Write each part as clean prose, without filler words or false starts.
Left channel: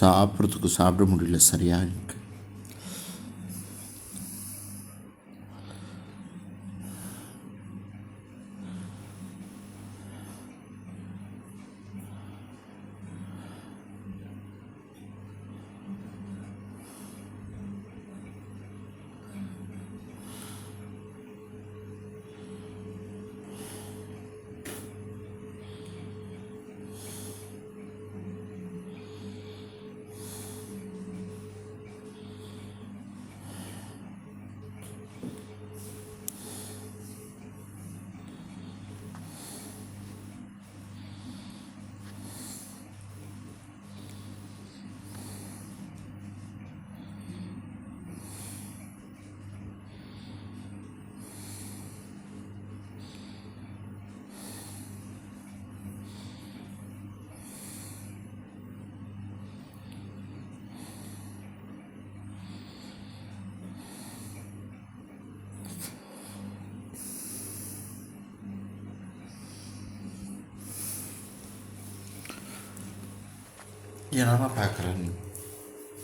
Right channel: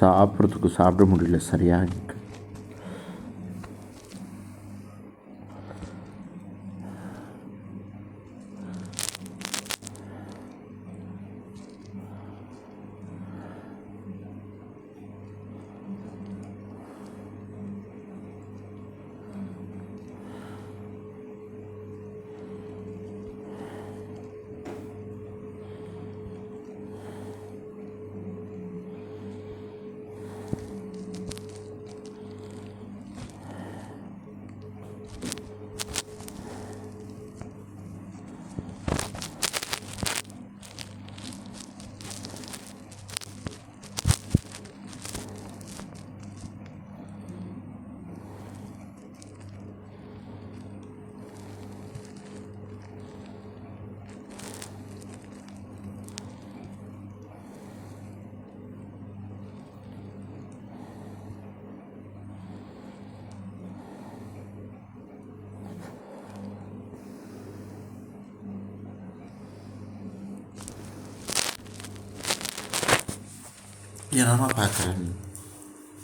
சாப்பிட்றதுக்கு சாப்பிட முடியல சரியாக எனக்கு. ஏன்னா பார்க்குறேன்,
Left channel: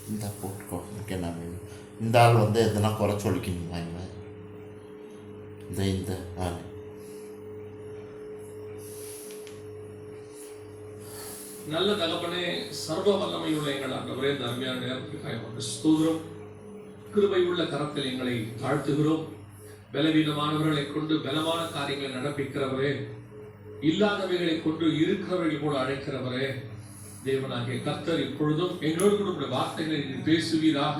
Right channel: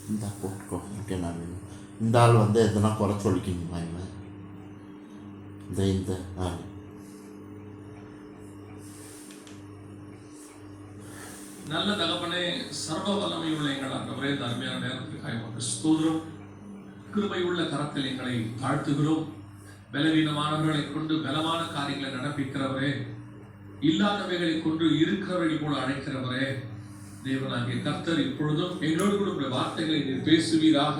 இந்த போட்டுக்கோ ஓகே. நான் இந்த ஆள் எதனா குறை சொல்லிக்கிங்களா இவன் இந்த ஆள்? நல்ல தகப்பனே, சர்வ வல்லமை உள்ள எங்கள் ஆண்டவரே, அருமையான நேரத்துக்காக ஸ்தோத்திரம். கிருபை உள்ள கரத்தில் எங்களை தாழ்த்துகிறோம். பலவீனமானவர்களை கொண்டு பலமான காரியங்களை நடப்பிக்கிறவரே, இல்லாதவைகளை கொண்டு இருக்கிறவர்கள் போல அழைக்கிறவரே, தேவனாகிய கர்த்தர் இப்பொழுதும் எங்களோடு கூட உடைய வார்த்தைகளை நீர் பேசுவீராக.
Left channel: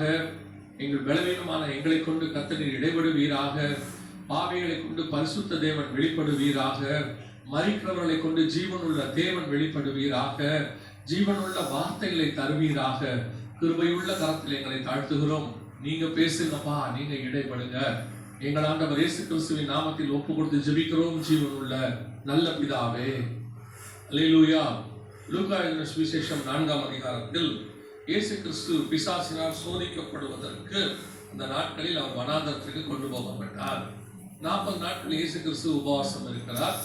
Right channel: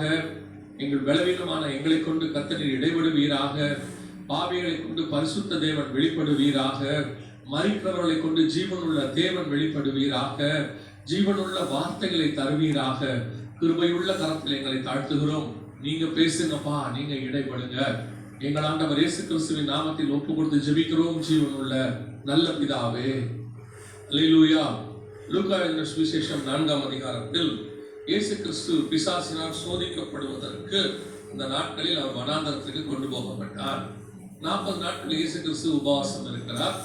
எங்கள் பலவீனமான எங்களை கொண்டு கர்த்தர் இடைபடுவீராக. பாவிகளை கொண்டு பரிசுத்த தேவன் வெளிப்படுவீராக. மரிக்கிறவர்களை கொண்டு ஜீவனுள்ள தேவன் வெளிப்படுவீராக. ஜீவனுள்ள வார்த்தைகளை தருவீராக. கிருபையுள்ள கரத்தில் எங்களை தாழ்த்துகிறோம். நீங்க பேசுங்கப்பா, நீங்க இடைபடுங்க. எங்கள் ஆண்டவர் இயேசு கிறிஸ்துவின் நாமத்தில் ஒப்பு கொடுத்து ஜெபிக்கிறோம் ஜீவனுள்ள நல்ல பிதாவே. அல்லேலூயா. லூக்கா எழுதின சுவிசேஷம் 4ஆம் அதிகாரத்தில் இயேசு கிறிஸ்து பிசாசினால் சோதிக்கப்படுவதற்கு இந்த நாட்களில் அவர் வனாந்தரத்திற்கு கொண்டு போகப்பட்டார். 40 நாட்கள் இயேசு கிறிஸ்து உபவாசம் இருக்கிறார்.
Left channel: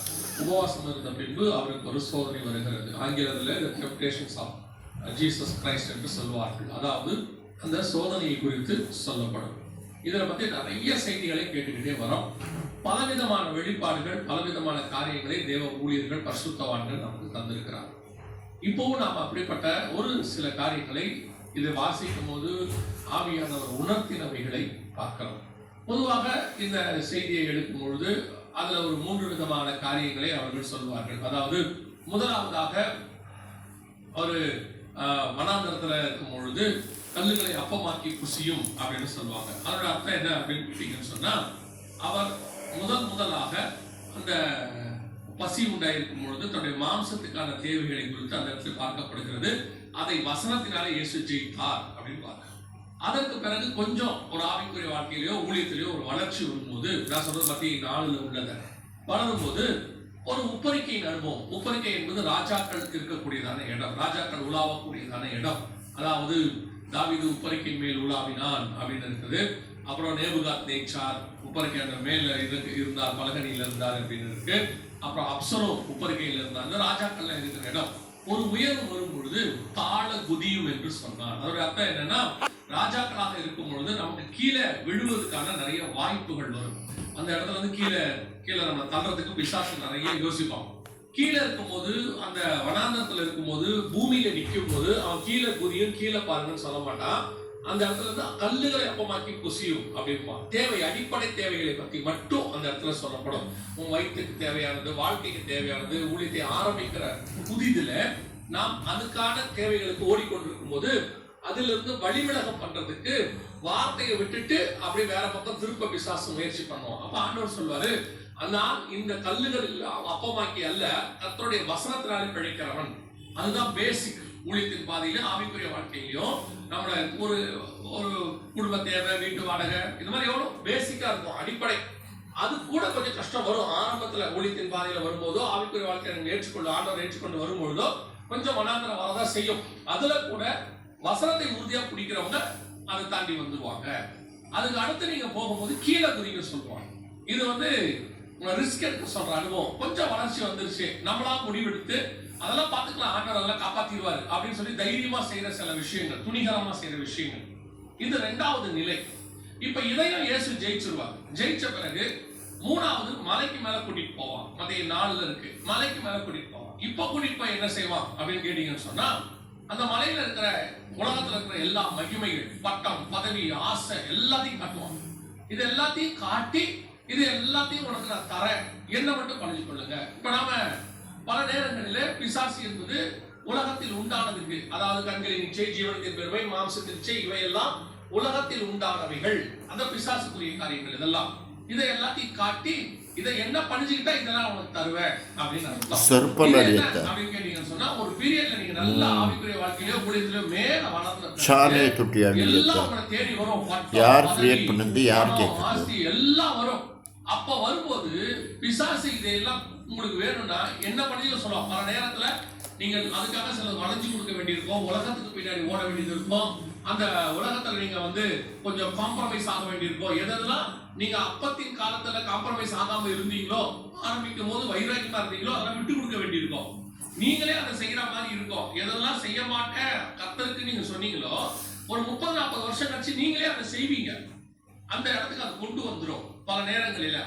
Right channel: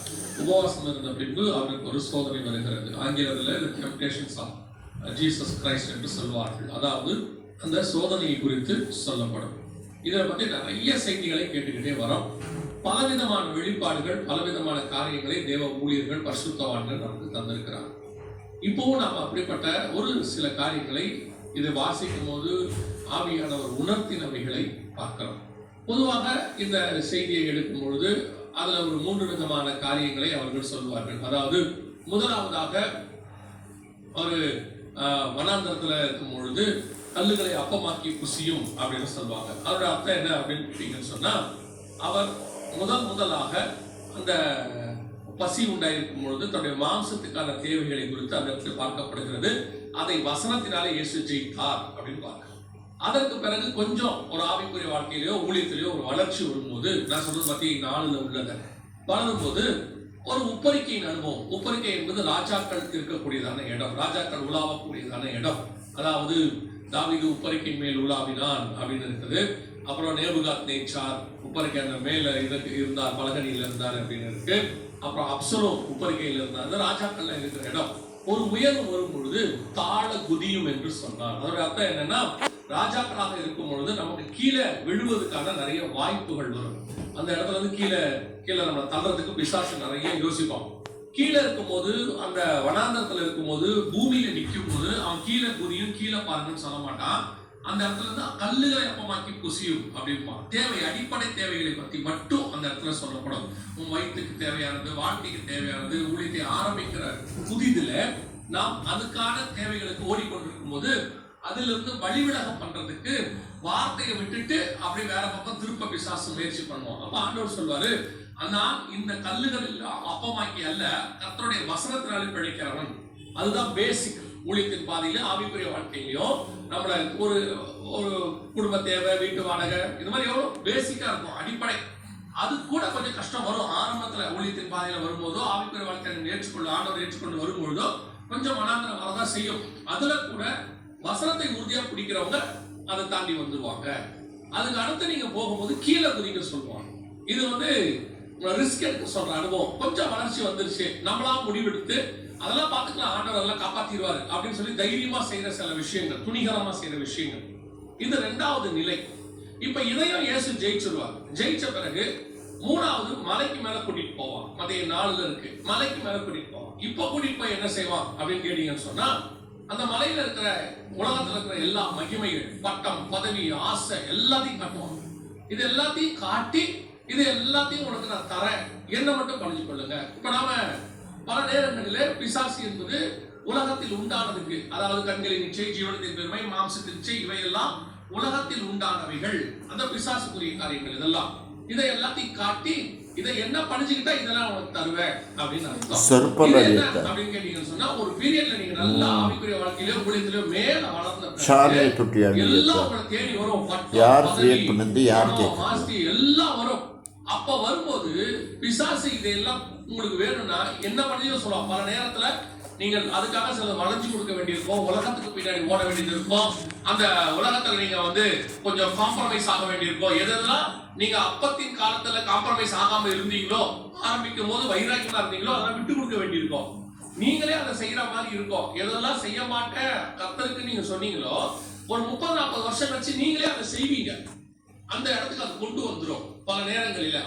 உபவாசம் இருந்த பின்பு அவருக்கு ஒரு சோதனை வருகிறது. ஆங்கிலத்தில் டெம்ப்டேஷன்ஸ் ஆஃப் ஜீசஸ் கிரைஸ்ட் என்று சொல்வார்கள். அதாவது அந்த சோதனையை குறித்து சொல்லப்படும். இதை பற்றி நிறைய செய்திகளை கேட்டுக்கிட்டே வரோம். பலவிதமான வெளிப்பாடுகள், பலவிதமான காரியங்களை தேவ ஊழியர்கள், பரிசுத்தவான்கள் நமக்கு தந்திருக்கிறார். இப்போவும் நாம் அப்படிப்பட்ட ஒரு சில காரியங்களை இது வாசிக்கும் போது ஆவியானவர் உணர்த்தினவைகளை பார்க்கிறோம். பொதுவாக இந்த செய்தியை எடுக்கும் பொழுது அதுல ஒரு 3 விதமான காரியங்களை அவர்கள் சொல்வார்கள். அதாவது முதலாவதாக ஒரு வனாந்தரத்துல இருக்கும் பொழுது கல்லுகளை அப்பமாக்கி குசியும் அப்படின்னு சொல்லுவாங்க. அதோட அர்த்தம் என்ன அப்படின்னு கேட்டீங்கன்னு சொன்னா, அவர் முதலாக அந்த பசி உண்டாயிருக்கும் பொழுது தன்னுடைய மாம்சத்துக்கான தேவைகளை குறித்து அந்த இடத்துல பார்க்கப்படுகிறது. அதை வசனத்தினாலே இயேசு ஜெயித்தார் அப்படின்னு பார்க்க. அதற்கு பிறகு கொஞ்சம் ஒரு ஆவிக்குரிய வாழ்க்கையிலயோ ஊழியத்திலேயோ ஒரு வளர்ச்சி வரும்போது, நான் சொல்றது மத்திய 4 உள்ளது, வளரும்போது ஒரு உப்பரிக்கையின் அனுபவம். உப்பரிக்கை என்பது ராஜாக்கள் இருக்கக்கூடியதான இடம், ராஜாக்கள் உலாவக்கூடியதான இடம். அதாவது தாவீது உப்பரிக்கை மேல் உலாவினான் அப்படின்னு இருக்குது. அப்புறம் நேபுகாத் நேச்சார் உப்பரிக்கை மேல இருந்தார், பலகனியில இருந்தார் அப்படின்னு இருக்கு. அப்புறம் அப்சலோம் உப்பரிக்கையில் இருந்தாங்க. ராஜாக்கள்ல இருக்கிற இடம் ஒரு உயர்வு வரும் பொழுது தாழ குதியும் என்று சொன்னார். அதோட அர்த்தம் என்னன்னா, ராஜாக்களாக இருக்கும் பொழுது நமக்கு கீழே விழுவதற்கான நிறைய வாய்ப்புகள் வரும். அந்த இடத்துல கீழே நம்ம தள்ளுறதுக்கு பிசாசு நிறைய யோசிப்பான். கீழே இருக்கும்போது, அந்த வனாந்தரத்துல இருக்கும்போது, பூமியில நிற்கும் போது அவன் கீழே குதியும், கீழே பாருங்கன்னு சொல்ல மாட்டான். அந்த இடத்துல இருந்து கல்லுகளை அப்பமாக்கி குசியும் அப்படிப்பான். தேவை, அடிப்படை தேவைகளை பத்தி மட்டும் அந்த இடத்துல சொல்லப்படும். உன் வயிற்றுக்கு தேவையானது, வாழ்க்கைக்கு தேவையானது, ஊழியத்தை ஆரம்பிக்கிற புதிதுல நாம் அதுக்கான தேவைகளுக்கு ஓடிக்கொண்டிருக்கும் போது அதிலிருந்து வழிவிலகம் பண்றதுக்கு வார்த்தையை விட்டுட்டு அப்படி வேற பக்கம் திருப்ப பிசாசு முயற்சி பண்ணுவோம். அப்ப ஆண்டவர் சொல்வாரு, ஆனால் இந்த கல்லுகள் அப்பமாக்கி அல்ல, கர்த்தருடைய வசனத்தினாலே பிழைக்கிறவன். அதுதான் பேசிக். ஊழியத்தின் பாதையிலும் ஆவிக்குரிய வாழ்க்கையிலையும் நம்மள ஒரு குடும்ப தேவை, வீட்டு வாடகை, இது மாதிரி எவ்வளவு பேசிக்கா இருக்கும், அடிப்படை. அது கூட கொஞ்சம் கஷ்டம் வரும் ஆரம்பத்துல. ஊழியத்தின் பாதையில வரும்போதோ, ஆவிக்குரிய வாழ்க்கையை ஆண்டவர் ஏற்றுக்கொண்டு வரும்பொழுதோ கொஞ்சம் மனாந்தரம் வரதான் செய்யும். அதுல கூட வசனத்தை உறுதியா பிடிக்கிறவங்க அதை தாண்டி வந்துருவாங்க. அதுக்கு அடுத்து நீங்க போகும்போது கீழே குதிங்க சொல்லுவாங்க. இது ரிஸ்க் எடுக்க சொல்ற அனுபவம். கொஞ்சம் வளர்ச்சி வந்துருச்சு, நம்மளா முடிவெடுத்து அதெல்லாம் பார்த்துக்கலாம், ஆண்டவர் எல்லாம் காப்பாத்திடுவாரு அப்படின்னு சொல்லி தைரியமா செய்யற சில விஷயங்கள், துணிகரமா செய்யற விஷயங்கள். இது 2வது நிலை. இப்ப இதையும் இயேசு ஜெயிச்சிருவார். ஜெயிச்ச பிறகு 3வது மலைக்கு மேல கூட்டிட்டு போவான். மத்திய 4ல இருக்கு, மலைக்கு மேல கூட்டிட்டு போவான். இப்ப கூட்டிட்டு போய் என்ன செய்வான் அப்படின்னு கேட்டீங்கன்னு சொன்னா, அந்த மலையில இருக்கிற உலகத்துல இருக்கிற எல்லா மகிமைகள், பட்டம், பதவி, ஆசை எல்லாத்தையும் காட்டுவான். இது எல்லாத்தையும் காட்டி, இது எல்லாத்தையும் உனக்கு நான் தரேன், என்ன மட்டும் பணிஞ்சு கொள்ளுங்க. இப்ப நாம பல நேரங்களிலே பிசாசு என்பது உலகத்தில் உண்டானதுக்கு, அதாவது கண்களின் இச்சை, ஜீவனத்தின் பெருமை, மாம்சத்தின் இச்சை, இவையெல்லாம் உலகத்தில் உண்டானவைகள், அந்த பிசாசுக்குரிய காரியங்கள். இதெல்லாம் இதை எல்லாத்தையும் காட்டி, இதை என்ன பணிஞ்சுக்கிட்டா இதெல்லாம் உனக்கு தருவேன் அப்படின்னு அர்த்தம். அப்படின்னு கேட்டீங்கன்னு சொன்னா, ஒரு பீரியட்ல நீங்க நல்லா ஆவிக்குரிய வாழ்க்கையிலயோ ஊழியத்திலயோ மேல வளர்ந்த எல்லாம் உங்களை தேடி வரும். ஆஸ்தி எல்லாம் வரும். அப்ப வரும்போது பிசாசு இதையெல்லாம் உங்களுக்கு வேணும்னா என்ன பண்ணியோ சொல்லலாம். பல நேரத்துல நீங்கள் அதுக்காக சில வளைஞ்சு கொடுக்க வேண்டியிருக்கும், உலகத்துக்கு பின்னாடி ஓட வேண்டியது இருக்கும், அந்த உலகத்துல நீங்க கொஞ்சம் காம்ப்ரமைஸ் ஆக வேண்டியிருக்கும். எதெல்லாம் நீங்க அப்பத்தின் காலத்துல காம்ப்ரமைஸ் ஆகாம இருந்தீங்களோ, ஆரம்பிக்கும் போது வைராக்கியமா இருந்தீங்களோ, அதெல்லாம் விட்டு கொடுக்க வேண்டியிருக்கும். நீங்களே அதை செய்யற மாதிரி இருக்கும். எதெல்லாம் செய்ய மாட்டேன் கர்த்தருக்கு நீங்க சொன்னீங்களோ, ஒரு 30-40 வருஷம் கழிச்சு நீங்களே அதை செய்வீங்க. அந்த இடத்துக்கு அது கொண்டு வந்துடும் பல நேரங்களில.